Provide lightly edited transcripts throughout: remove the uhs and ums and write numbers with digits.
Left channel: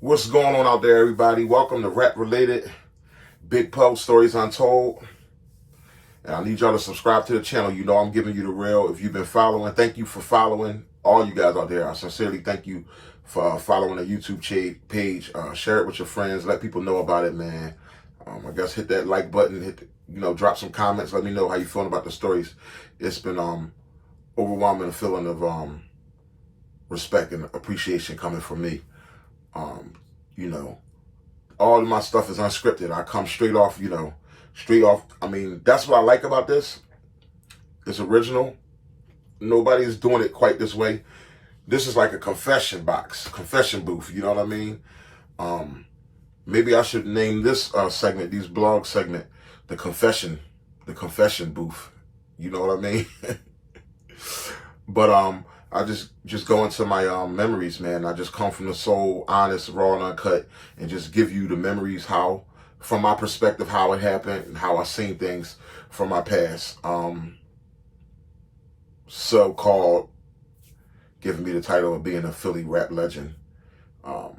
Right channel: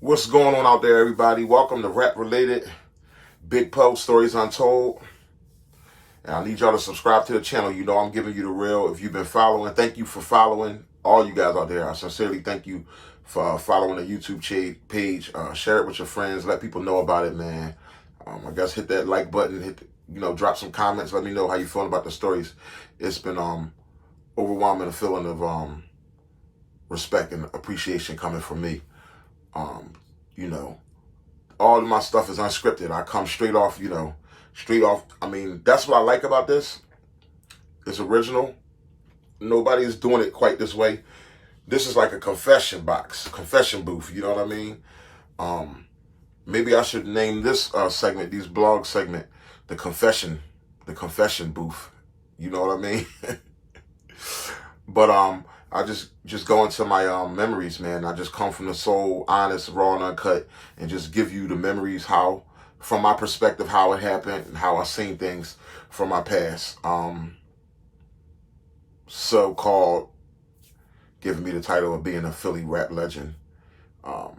What's going on out there, everybody? Welcome to Rap Related Big Poe Stories Untold. And I need y'all to subscribe to the channel. You know I'm giving you the real. If you've been following, thank you for following. All you guys out there, I sincerely thank you for following the YouTube page. Share it with your friends. Let people know about it, man. I guess hit that like button. Drop some comments. Let me know how you feeling about the stories. It's been overwhelming, a feeling of respect and appreciation coming from me. All of my stuff is unscripted. I come straight off. I mean, that's what I like about this. It's original. Nobody's doing it quite this way. This is like a confession box, confession booth. You know what I mean? Maybe I should name this segment, these blog segment, the confession booth. You know what I mean? But I just go into my memories, man. I just come from the soul, honest, raw, and uncut, and just give you the memories, how, from my perspective, how it happened and how I seen things from my past. So-called giving me the title of being a Philly rap legend. But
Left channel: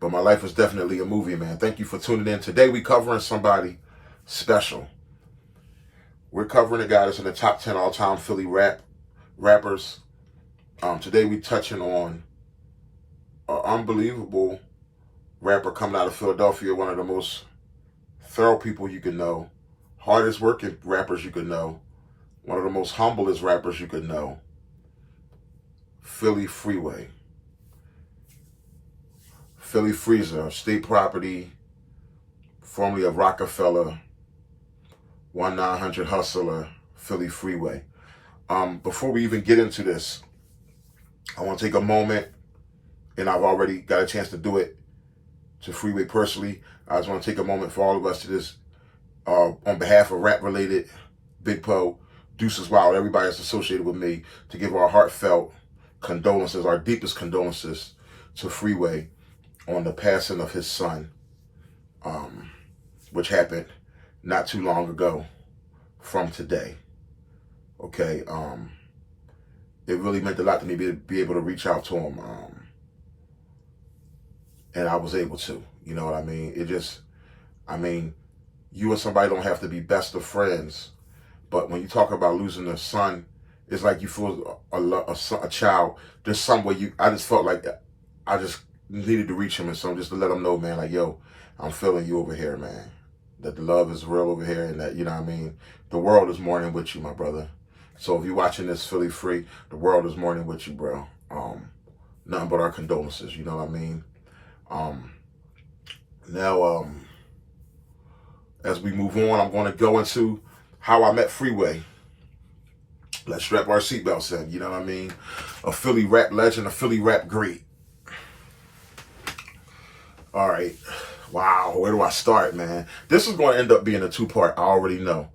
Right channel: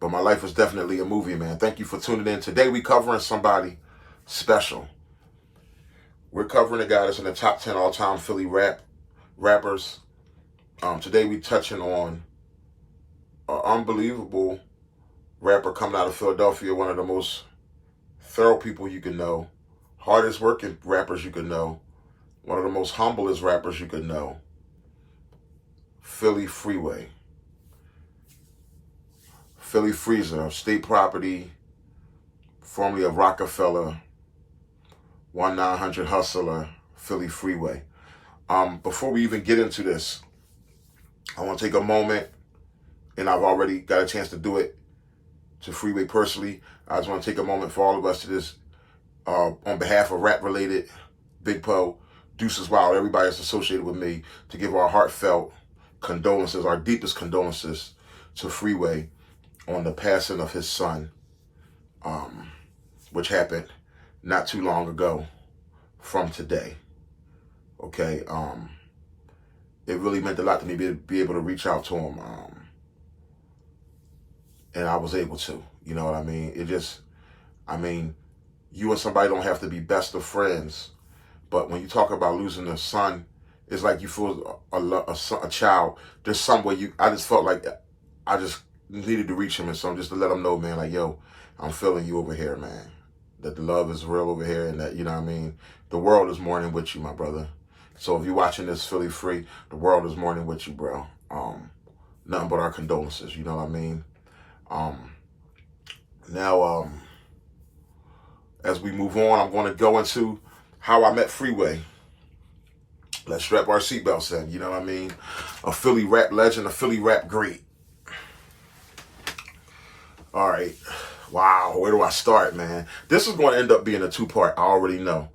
my life was definitely a movie, man. Thank you for tuning in. Today we covering somebody special. We're covering a guy that's in the top 10 all-time Philly rappers. Today we touching on an unbelievable rapper coming out of Philadelphia, one of the most thorough people you can know, hardest working rappers you could know, one of the most humblest rappers you could know, Philly Freeway. Philly Freezer, state property, formerly of Rockefeller, 1-900 Hustler, Philly Freeway. Before we even get into this, I want to take a moment, and I've already got a chance to do it to Freeway personally. I just want to take a moment for all of us to just, on behalf of Rap Related, Big Poe, Deuces Wild, everybody that's associated with me, to give our heartfelt condolences, our deepest condolences to Freeway on the passing of his son, which happened not too long ago from today. Okay, it really meant a lot to me to be able to reach out to him, and I was able to. You know what I mean? You and somebody don't have to be best of friends, but when you talk about losing a son, it's like you feel a child. There's some way I just felt like I just needed to reach him, and so just to let him know, man, like, yo, I'm feeling you over here, man. That the love is real over here, and that, you know what I mean, the world is mourning with you, my brother. So if you're watching this Philly Free, the world is mourning with you, bro. Nothing but our condolences, you know what I mean? Now, as we move on, I'm going to go into how I met Freeway. Let's strap our seatbelts in, you know what I mean? A Philly rap legend, a Philly rap great. All right. Wow, where do I start, man? This is going to end up being a two-part, I already know.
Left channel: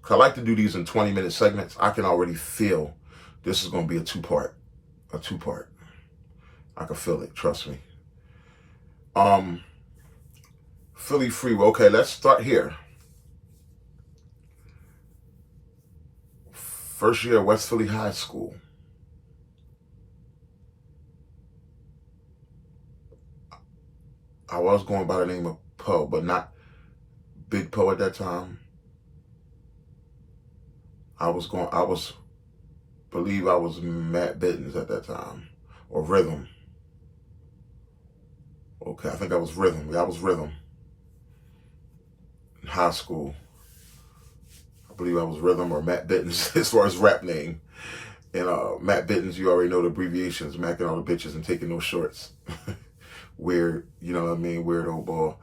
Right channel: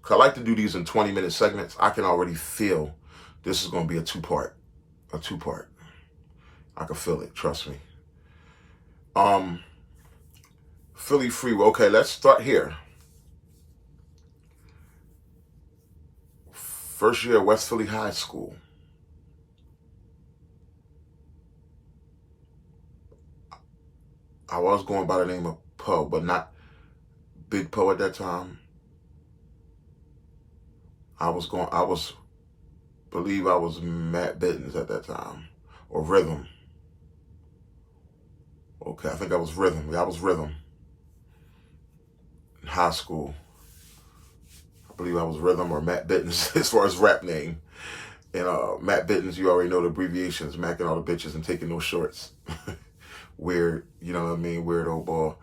Because I like to do these in 20-minute segments. I can already feel this is going to be a two-part. I can feel it, trust me. Philly Freeway. Okay, let's start here. First year at West Philly High School. I was going by the name of Poe, but not Big Poe at that time. I believe I was Matt Bittens at that time, or Rhythm. Okay, I think I was Rhythm. Yeah, I was Rhythm. In high school, I believe I was Rhythm or Matt Bittens as far as rap name. And Matt Bittens, you already know the abbreviations, macking all the bitches and taking no shorts. Weird, you know what I mean? Weird old ball.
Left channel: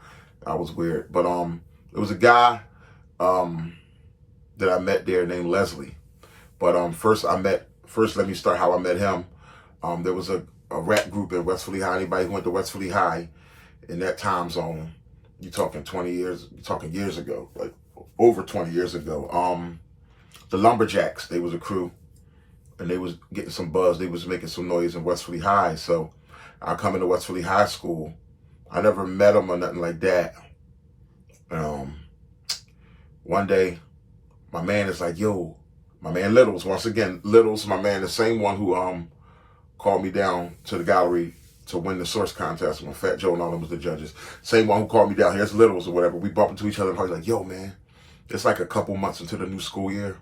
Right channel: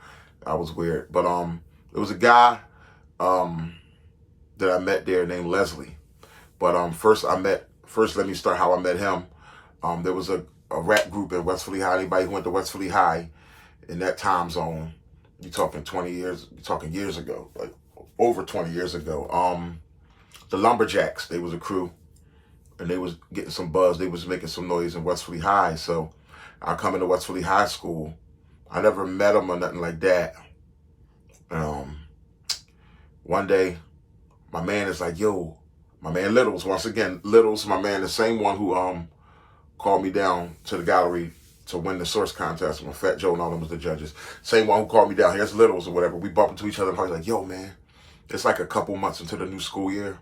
I was weird. But it was a guy that I met there named Leslie. But first let me start how I met him. There was a rap group at West Philly High. Anybody who went to West Philly High in that time zone, you're talking 20 years, you're talking years ago, like over 20 years ago. The Lumberjacks, they was a crew, and they was getting some buzz. They was making some noise in West Philly High. So I come into West Philly High School. I never met them or nothing like that. One day, my man is like, yo, my man Littles, once again, Littles, my man, the same one who called me down to the gallery to win the source contest when Fat Joe and all them was the judges. Same one who called me down here as Littles or whatever. We bump into each other and he's like, yo, man, it's like a couple months into the new school year.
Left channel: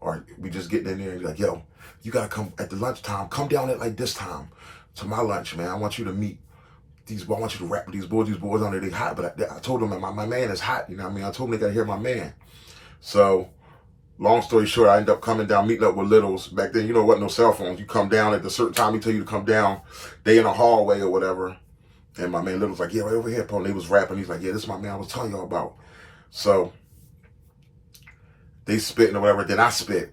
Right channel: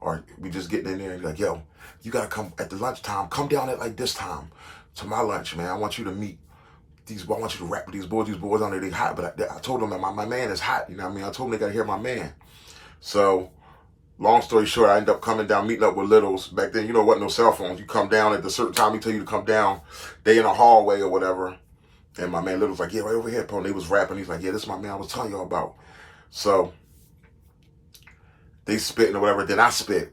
Or we just getting in there and be like, yo, you got to come at the lunchtime. Come down at like this time to my lunch, man. I want you to meet these, I want you to rap with these boys. These boys on there, they hot. But I told them that my man is hot. You know what I mean? I told them they got to hear my man. So long story short, I ended up coming down, meeting up with Littles. Back then, you know what, no cell phones. You come down at a certain time, he tell you to come down. They in a hallway or whatever. And my man Littles like, yeah, right over here, Paul. And they was rapping. He's like, yeah, this is my man I was telling y'all about. So they spitting or whatever. Then I spit.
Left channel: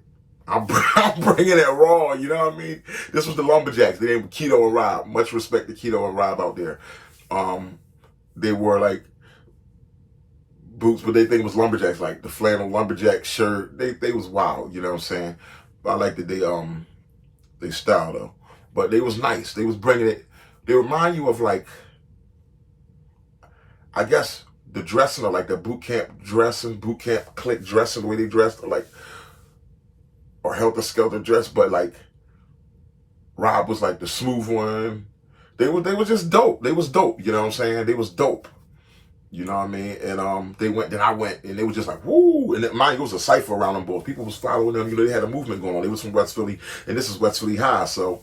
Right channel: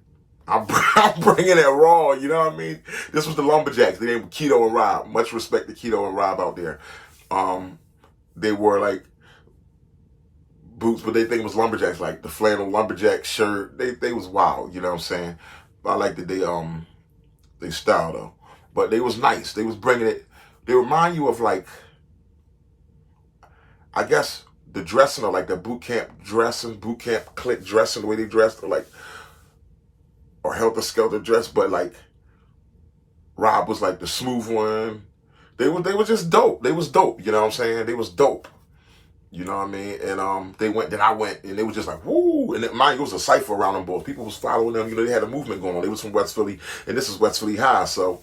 I'm bringing it raw, you know what I mean? This was the Lumberjacks. They named Keto and Rob. Much respect to Keto and Rob out there. They were like boots, but they think it was Lumberjacks, like the flannel Lumberjack shirt. They was wild, you know what I'm saying? But I like that they style though. But they was nice. They was bringing it. They remind you of like, I guess the dressing or like the boot camp clique dressing, the way they dressed, or Helter Skelter dress, but like Rob was like the smooth one. They were just dope. They was dope, you know what I'm saying? They was dope. You know what I mean? And then I went, and they was just like, woo! And mind you, it was a cipher around them boys. People was following them, you know, they had a movement going on. They was from West Philly, and this is West Philly High, so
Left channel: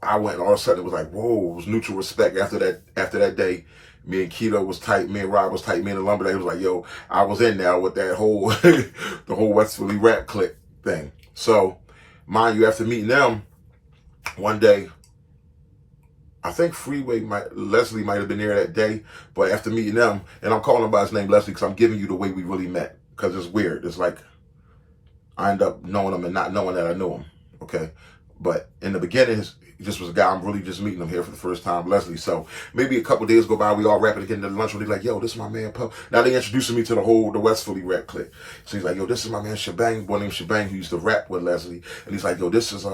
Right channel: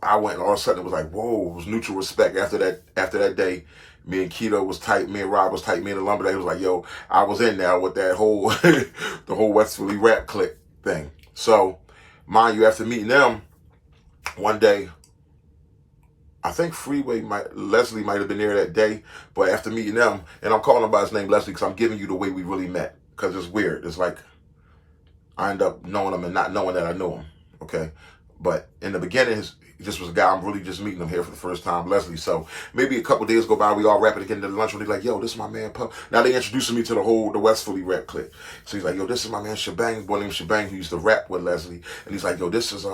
I went, and all of a sudden it was like, whoa, it was mutual respect. After that day, me and Keto was tight, me and Rob was tight, me and the Lumberjack was like, yo, I was in there with that whole, the whole West Philly rap clique thing. So, mind you, after meeting them, one day, I think Leslie might have been there that day, but after meeting them, and I'm calling him by his name Leslie because I'm giving you the way we really met, because it's weird. It's like, I end up knowing him and not knowing that I knew him, okay? But in the beginning, he just was a guy, I'm really just meeting him here for the first time, Leslie. So maybe a couple days go by, we all rapping again to the lunch, and they're like, yo, this is my man, Pup. Now they introducing me to the West Philly rap clique. So he's like, yo, this is my man, Shebang, boy named Shebang, who used to rap with Leslie. And he's like, yo, this is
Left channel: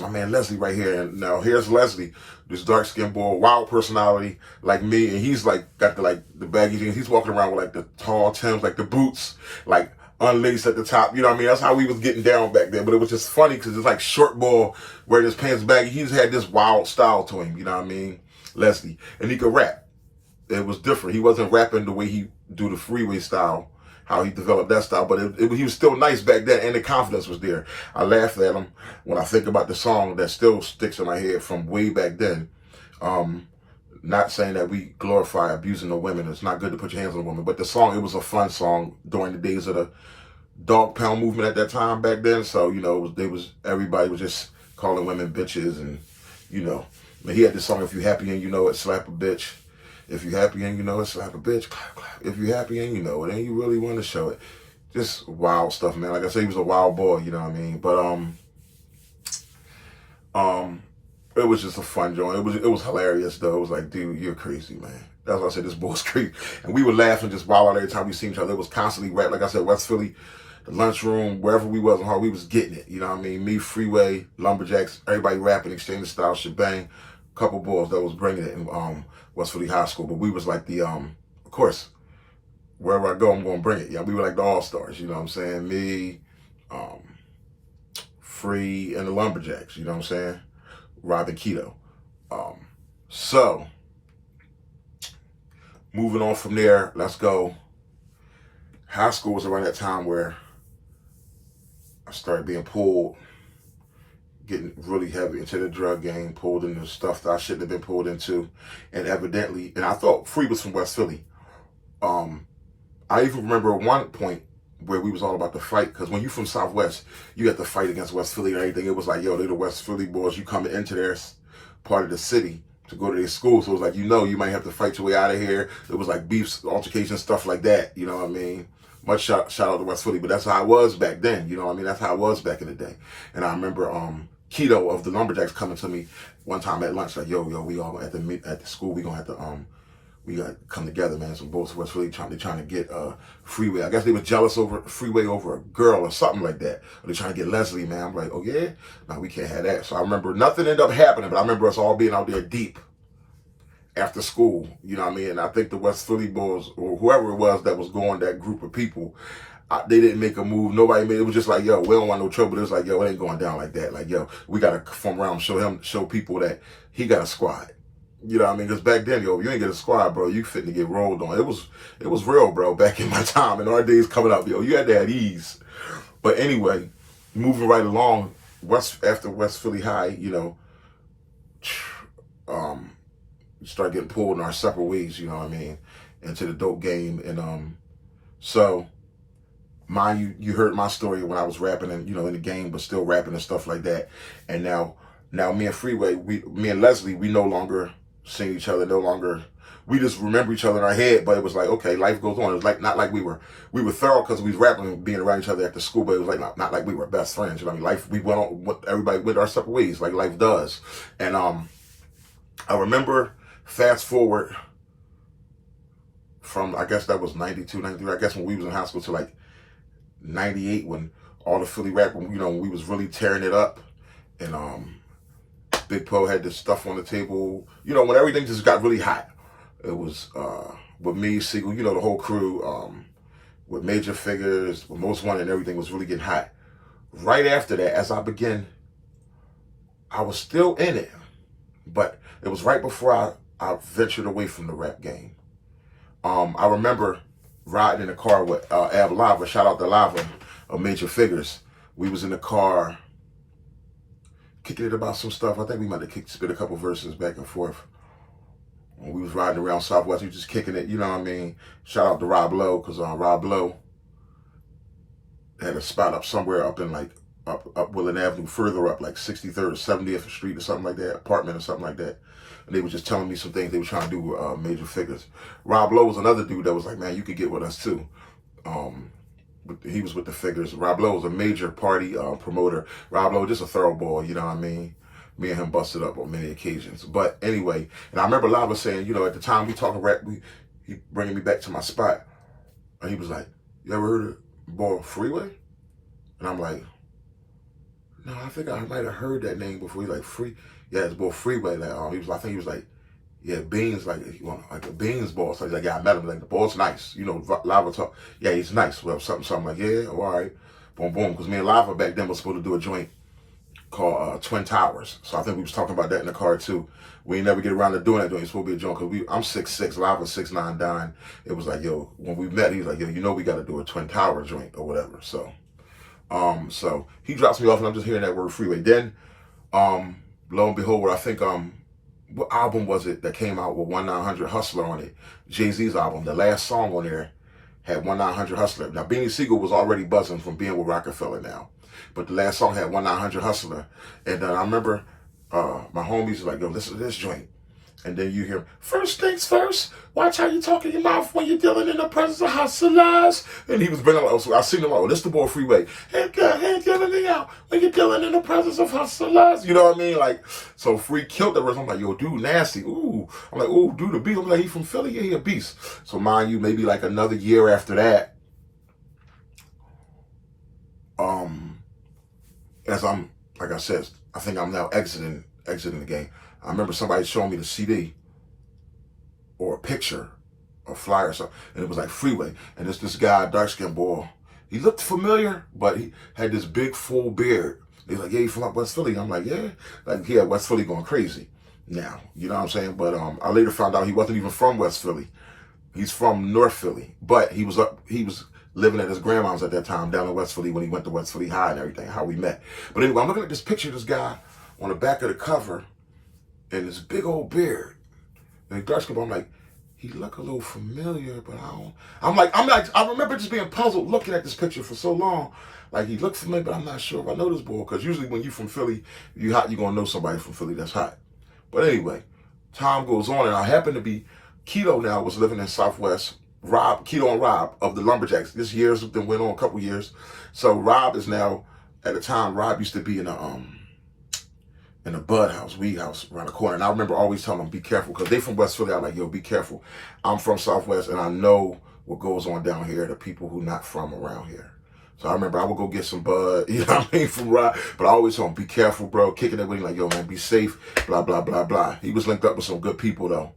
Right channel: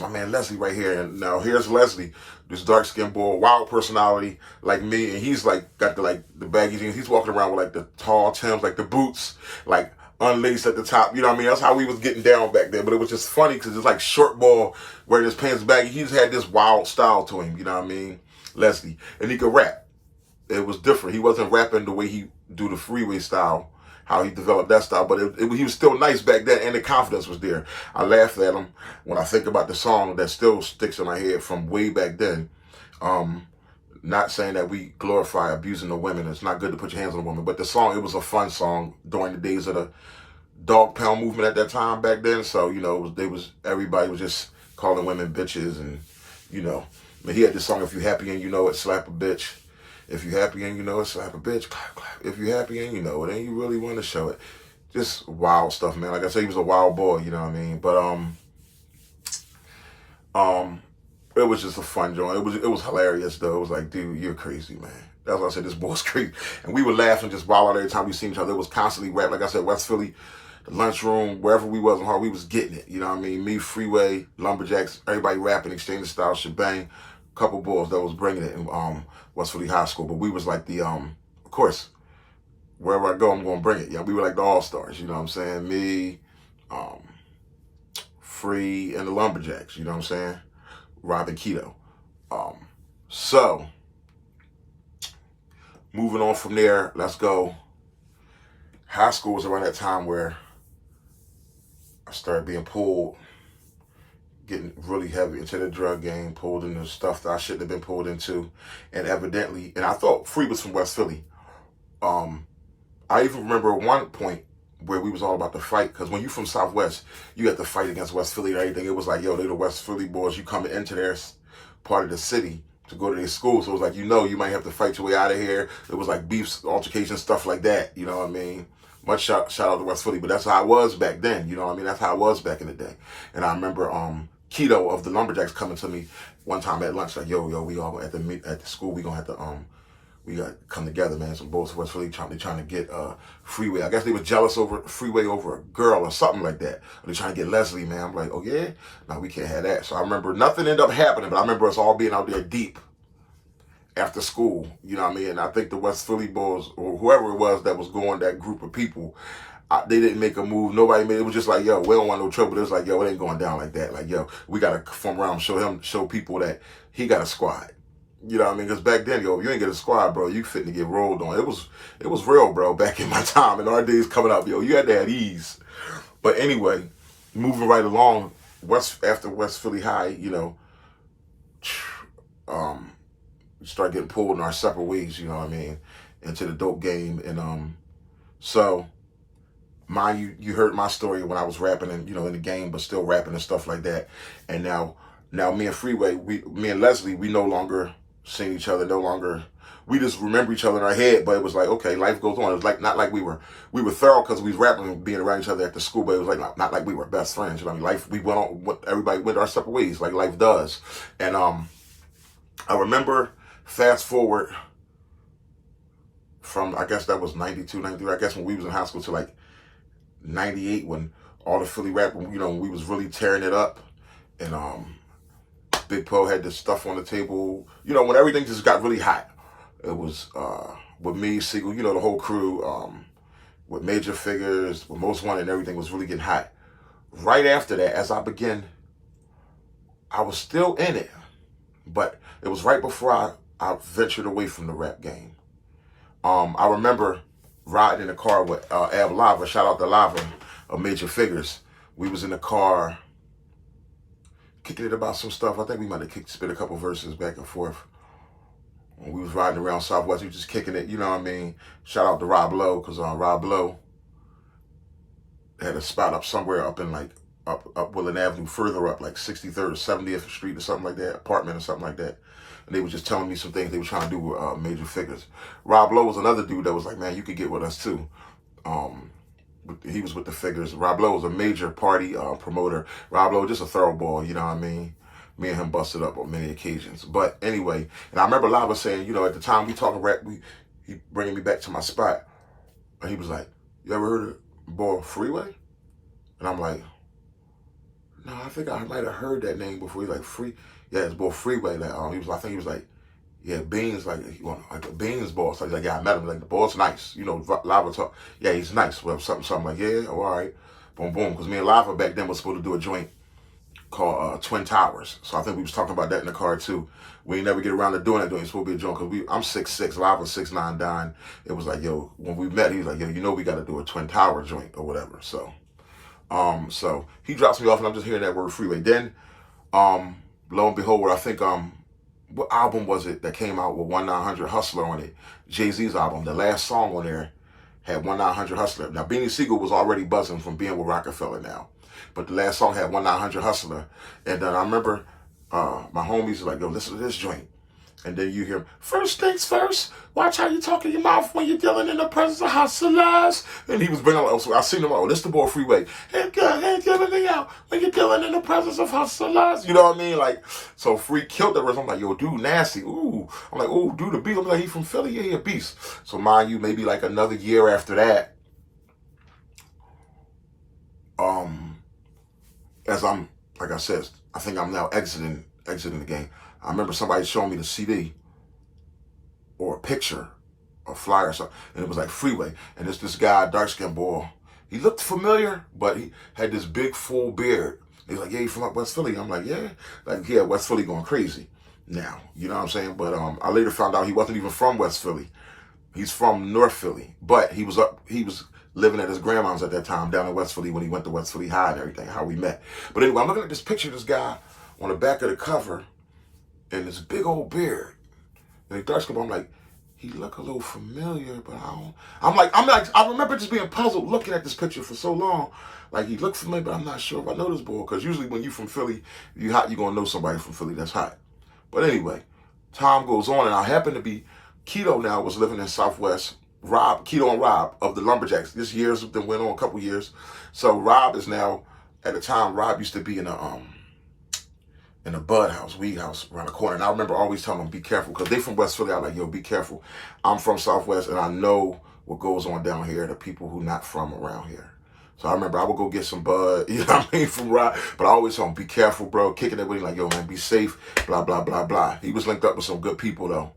my man Leslie right here. And now here's Leslie, this dark-skinned boy, wild personality like me. And he's like, got the baggy jeans. He's walking around with like the tall Timbs, like the boots, like unlaced at the top. You know what I mean? That's how we was getting down back then. But it was just funny because it's like short ball wearing his pants baggy. He's had this wild style to him. You know what I mean? Leslie. And he could rap. It was different. He wasn't rapping the way he do the Freeway style, how he developed that style, but he was still nice back then, and the confidence was there. I laughed at him when I think about the song that still sticks in my head from way back then. Not saying that we glorify abusing the women. It's not good to put your hands on a woman, but the song, it was a fun song during the days of the dog pound movement at that time back then. So, you know, everybody was just calling women bitches, and, you know, but he had this song, if you happy and you know it, slap a bitch. If you happy and you know it, slap a bitch, clap, clap. If you happy and you know it, and you really want to show it. Just wild stuff, man. Like I said, he was a wild boy, you know what I mean? But it was just a fun joint. It was hilarious though. It was like, dude, you're crazy, man. That's why I said this boy's crazy. And we were laughing just wild out every time we seen each other. It was constantly rap. Like I said, West Philly, the lunchroom, wherever we was in Harlem, we was getting it. You know what I mean? Me, Freeway, Lumberjacks, everybody rapping, exchanging style, shebang. Couple boys that was bringing it in West Philly High School. But we was like the, of course, wherever I go, I'm going to bring it. Yeah, we were like the all-stars, you know what I'm saying? Me, Free, and the Lumberjacks, you know what I'm saying? Rob and Keto. So, moving on from there, let's go. High school was around that time where I started being pulled, getting really heavy into the drug game, pulled into stuff that I shouldn't have been pulled into. And evidently, and I thought Free was from West Philly. I even remember at one point where we was all about to fight, because when you from Southwest, you have to fight against West Philly and everything. It was like, yo, they the West Philly boys. You coming into their part of the city to go to their school. So it was like, you know, you might have to fight your way out of here. It was like beefs, altercations, stuff like that. You know what I mean? Much shout out to West Philly, but that's how I was back then. You know what I mean? That's how I was back in the day. And I remember Keto of the Lumberjacks coming to me one time at lunch, like, yo, we all at the school, we gonna have to we got to come together, man. Some boys from West Philly trying to get Freeway. I guess they were jealous over Freeway over a girl or something like that. Or they trying to get Leslie, man. I'm like, oh yeah? No, we can't have that. So I remember nothing ended up happening, but I remember us all being out there deep after school. You know what I mean? And I think the West Philly boys, or whoever it was that was going, that group of people, they didn't make a move. Nobody made it. Was just like, yo, we don't want no trouble. It was like, yo, it ain't going down like that. Like, yo, we got to form around, show people that he got a squad. You know what I mean? Because back then, yo, you ain't get a squad, bro. You fitting to get rolled on. It was real, bro. Back in my time, in our days coming up, yo, you had to have ease. But anyway, moving right along, after West Philly High, you know, we start getting pulled in our separate ways. You know what I mean? Into the dope game, and so. Mind you, you heard my story when I was rapping and, you know, in the game, but still rapping and stuff like that. And now me and Freeway, me and Leslie, we no longer seen each other, no longer, we just remember each other in our head, but it was like, okay, life goes on. It was like, not like we were thorough because we was rapping and being around each other at the school, but it was like, not like we were best friends. You know what I mean? Life, we went on, everybody went our separate ways, like life does. And I remember, fast forward from, I guess that was 92, 93, I guess when we was in high school to like 98, when all the Philly rap, you know, when we was really tearing it up, and Big Poe had this stuff on the table, you know, when everything just got really hot. It was with me, Siegel, you know, the whole crew, with Major Figures, with Most Wanted, and everything was really getting hot. Right after that, as I began, I was still in it, but it was right before I ventured away from the rap game. I remember riding in the car with Ab Lava, shout out to Lava, of Major Figures. We was in the car kicking it about some stuff. I think we might have spit a couple verses back and forth. When we was riding around Southwest, we was just kicking it, you know what I mean? Shout out to Rob Lowe, because Rob Lowe had a spot up somewhere up in like, up Willen Avenue, further up, like 63rd or 70th Street or something like that, apartment or something like that. And they were just telling me some things they were trying to do with Major Figures. Rob Lowe was another dude that was like, man, you could get with us too. He was with the Figures. Rob Lowe was a major party promoter. Rob Lowe, just a thorough boy, you know what I mean? Me and him busted up on many occasions. But anyway, and I remember Lava saying, you know, at the time we talking rap, he bringing me back to my spot. And he was like, you ever heard of boy Freeway? And I'm like, no, I think I might have heard that name before. He's like, yeah, it's boy Freeway. Like, I think he was like, yeah, Beans, like the Beans boss. So he's like, yeah, I met him. Like, the boss nice. You know, Lava talk. Yeah, he's nice. Well, something like, yeah, all right. Boom, boom. Because me and Lava back then was supposed to do a joint called Twin Towers. So I think we was talking about that in the car too. We ain't never get around to doing that joint. It's supposed to be a joint because I'm 6'6", Lava 6'9", dying. It was like, yo, when we met, he was like, yo, you know we got to do a Twin Tower joint or whatever. So, so he drops me off and I'm just hearing that word Freeway. Then, lo and behold, I think, what album was it that came out with 1-900 Hustler on it? Jay-Z's album. The last song on there had 1-900 Hustler. Now, Beanie Siegel was already buzzing from being with Rockefeller now. But the last song had 1-900 Hustler. And I remember my homies were like, yo, listen to this joint. And then you hear, first things first, watch how you talk in your mouth when you're dealing in the presence of hustlers. And he was bringing, so I seen him, oh, this the boy Freeway. Hey, giving me out when you're dealing in the presence of hustlers. You know what I mean? Like, so Free killed the rest. I'm like, yo, dude, nasty. Ooh. I'm like, ooh, dude, the beat. I'm like, he from Philly? Yeah, he a beast. So mind you, maybe like another year after that, as I'm, like I said, I think I'm now exiting the game. I remember somebody showing me the CD or a picture, a flyer or something, and it was like Freeway. And it's this guy, dark-skinned boy. He looked familiar, but he had this big, full beard. He's like, yeah, you from up West Philly? I'm like, yeah. Like, yeah, West Philly going crazy now. You know what I'm saying? But I later found out he wasn't even from West Philly. He's from North Philly. But he was living at his grandma's at that time down in West Philly when he went to West Philly High and everything, how we met. But anyway, I'm looking at this picture of this guy on the back of the cover, and this big old beard. And he dark skin, I'm like, he look a little familiar, but I'm like, I remember just being puzzled looking at this picture for so long. Like, he looked familiar, but I'm not sure if I know this boy. Because usually when you from Philly, you hot, you're going to know somebody from Philly that's hot. But anyway, time goes on, and I happen to be, Keto now was living in Southwest. Keto and Rob of the Lumberjacks. This year's been went on a couple years. So Rob is now, at the time, Rob used to be in a bud house, weed house around the corner. And I remember always telling them, be careful, because they from West Philly. I'm like, yo, be careful. I'm from Southwest, and I know what goes on down here to people who not from around here. So I remember I would go get some bud, you know what I mean, from Rob. But I always told him, be careful, bro. Kicking it with him like, yo, man, be safe, blah, blah, blah, blah. He was linked up with some good people, though,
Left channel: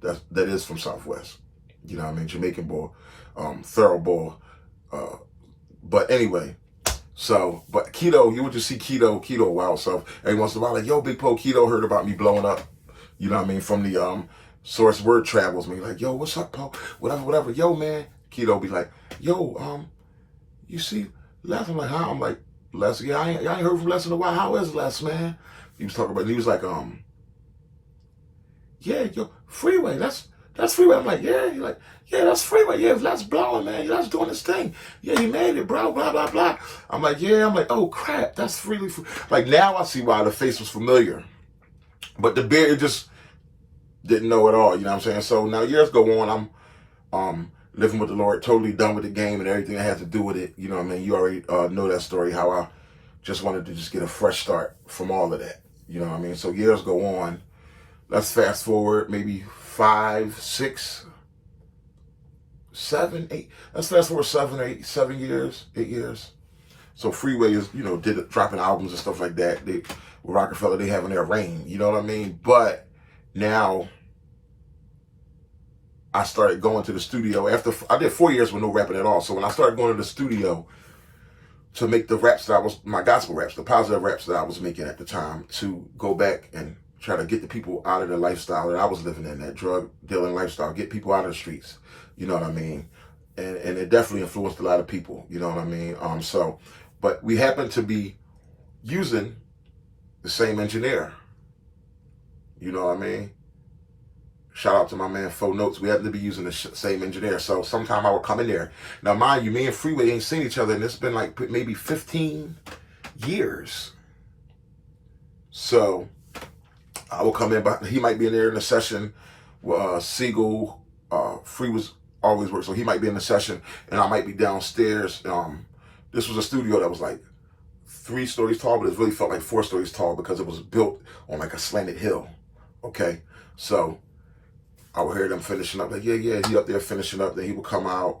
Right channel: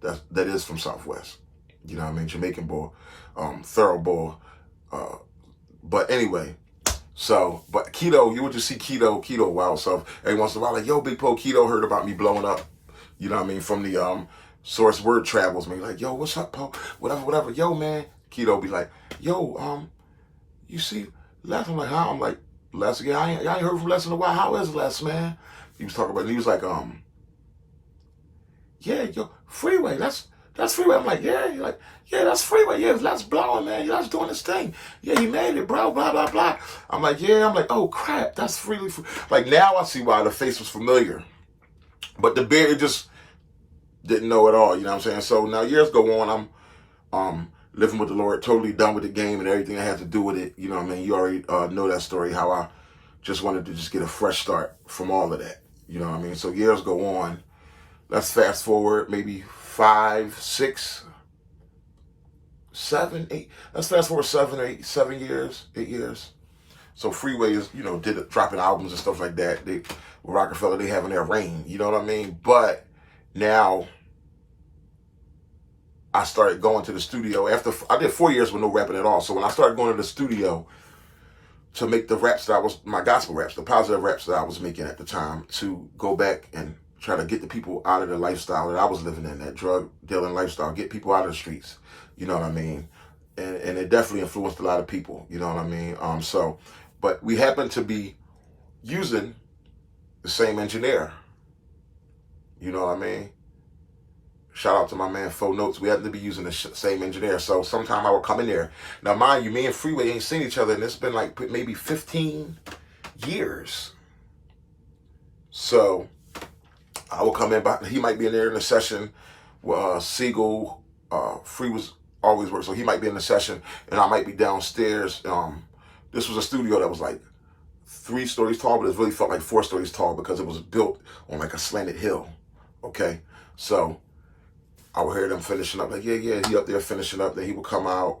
that is from Southwest. You know what I mean? Jamaican boy, thorough boy. But anyway, So, but Keto, you would just see Keto, wow. So every once in a while, like, yo, Big Po, Keto heard about me blowing up. You know what I mean? From the source word travels me. Like, yo, what's up, Po? Whatever. Yo, man. Keto be like, yo, you see Les? I'm like, huh? I'm like, Les, yeah, I ain't heard from Les in a while. How is Les, man? He was talking about, he was like, yeah, yo, Freeway, that's Freeway. I'm like, yeah. He's like, yeah, that's Freeway. Yeah, let's blowing, man. Let's doing this thing. Yeah, he made it, bro. Blah, blah, blah. I'm like, yeah. I'm like, oh, crap. That's Freeway. Like, now I see why the face was familiar. But the beard, it just didn't know at all. You know what I'm saying? So now years go on. I'm living with the Lord, totally done with the game and everything that had to do with it. You know what I mean? You already know that story, how I just wanted to just get a fresh start from all of that. You know what I mean? So years go on. Let's fast forward maybe 5, 6, 7, 8. Let's fast forward 7 years, 8 years. So Freeway is, dropping albums and stuff like that. With Rockefeller, they having their reign. You know what I mean? But now I started going to the studio after I did 4 years with no rapping at all. So when I started going to the studio to make the raps my gospel raps, the positive raps that I was making at the time, to go back and try to get the people out of the lifestyle that I was living in, that drug dealing lifestyle, get people out of the streets. You know what I mean? And it definitely influenced a lot of people. You know what I mean? But we happened to be using the same engineer. You know what I mean? Shout out to my man Fo Notes. We happened to be using the same engineer. So sometime I would come in there. Now, mind you, me and Freeway ain't seen each other, and it's been like maybe 15 years. So I will come in, but he might be in there in a session. Siegel, Free was always work, so he might be in the session, and I might be downstairs. This was a studio that was like 3 stories tall, but it really felt like 4 stories tall because it was built on like a slanted hill. Okay, so I would hear them finishing up. Like, yeah, he up there finishing up. Then he would come out,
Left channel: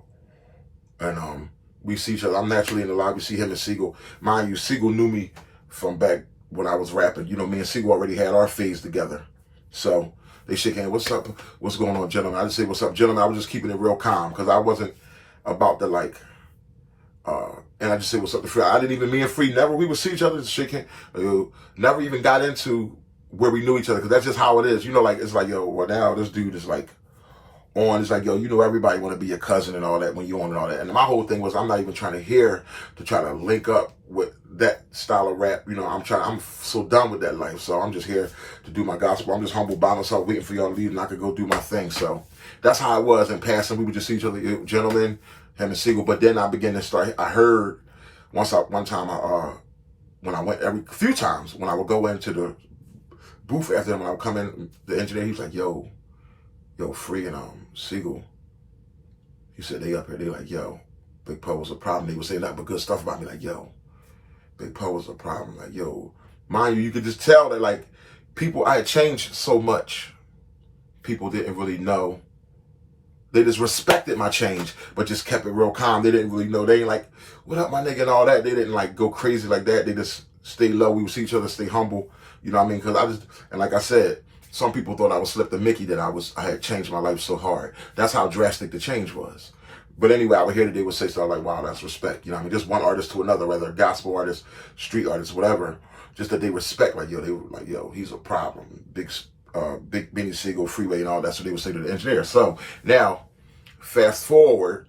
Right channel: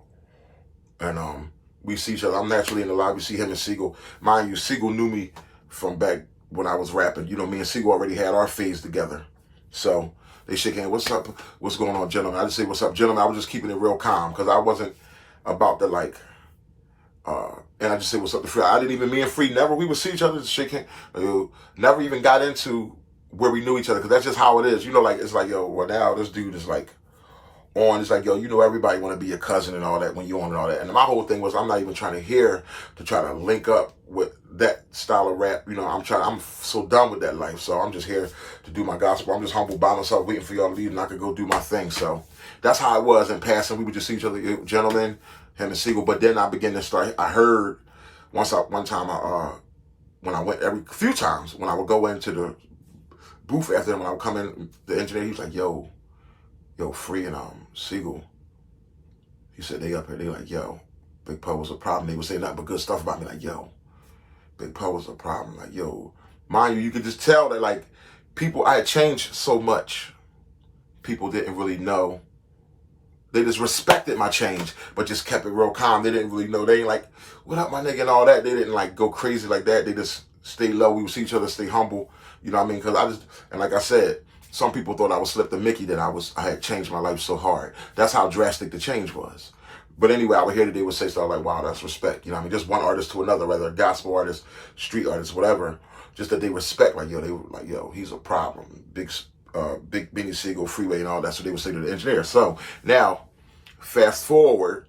and we see each other. I'm naturally in the lobby. See him and Siegel. Mind you, Siegel knew me from back when I was rapping. You know, me and Siegel already had our phase together. So they shake hands. What's up? What's going on, gentlemen? I just say, what's up, gentlemen? I was just keeping it real calm because I wasn't about to like, and I just say, what's up to Free? I didn't even, me and Free, we would see each other, just shake hands. Never even got into where we knew each other because that's just how it is. You know, like, it's like, yo, well, now this dude is like on. It's like, yo, everybody want to be your cousin and all that when you on and all that. And my whole thing was, I'm not even trying to try to link up with that style of rap. You know, I'm so done with that life. So I'm just here to do my gospel. I'm just humble by myself, waiting for y'all to leave, and I could go do my thing. So that's how it was in passing. We would just see each other, gentlemen, him and Siegel. But then I began to start. I heard one time when I went every few times when I would go into the booth after him, when I would come in, the engineer, he was like, yo, Free and Siegel. He said they up here. They like, yo, Big Po was a problem. They would say nothing but good stuff about me. Like, yo, Big Po was a problem. Like, yo, mind you could just tell that like people, I had changed so much. People didn't really know. They just respected my change, but just kept it real calm. They didn't really know. They ain't like, what up, my nigga, and all that. They didn't like go crazy like that. They just stayed low. We would see each other, stay humble. You know what I mean? Because and like I said, some people thought I was Slip the Mickey, that I had changed my life so hard. That's how drastic the change was. But anyway, I would hear that they would say stuff like, wow, that's respect. You know what I mean? Just one artist to another, whether a gospel artist, street artist, whatever. Just that they respect, like, yo, they were like, yo, he's a problem. Big Benny Siegel, Freeway, and all that. So they would say to the engineer. So now, fast forward,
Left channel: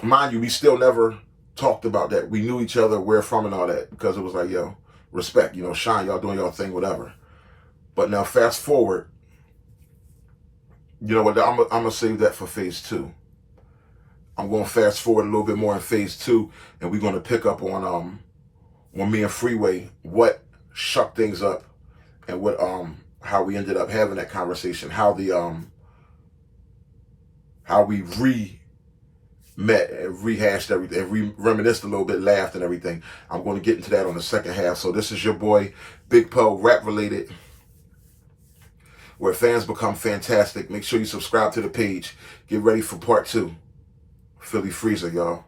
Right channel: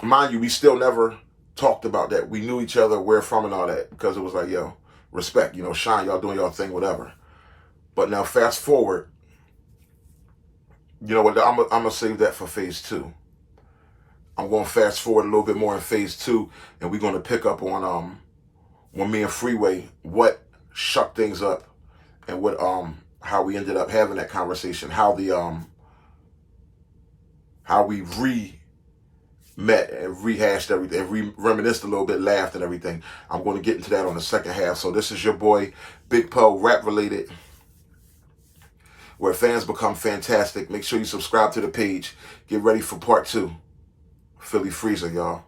mind you, we still never talked about that. We knew each other, where from and all that, because it was like, yo, respect, shine, y'all doing y'all thing, whatever. But now fast forward, you know what, I'm going to save that for phase 2. I'm going to fast forward a little bit more in phase 2, and we're going to pick up on when me and Freeway, what shucked things up, and what how we ended up having that conversation, how we met and rehashed everything, reminisced a little bit, laughed and everything. I'm going to get into that on the second half. So this is your boy, Big Po, rap related, where fans become fantastic. Make sure you subscribe to the page. Get ready for part 2. Philly Freezer, y'all.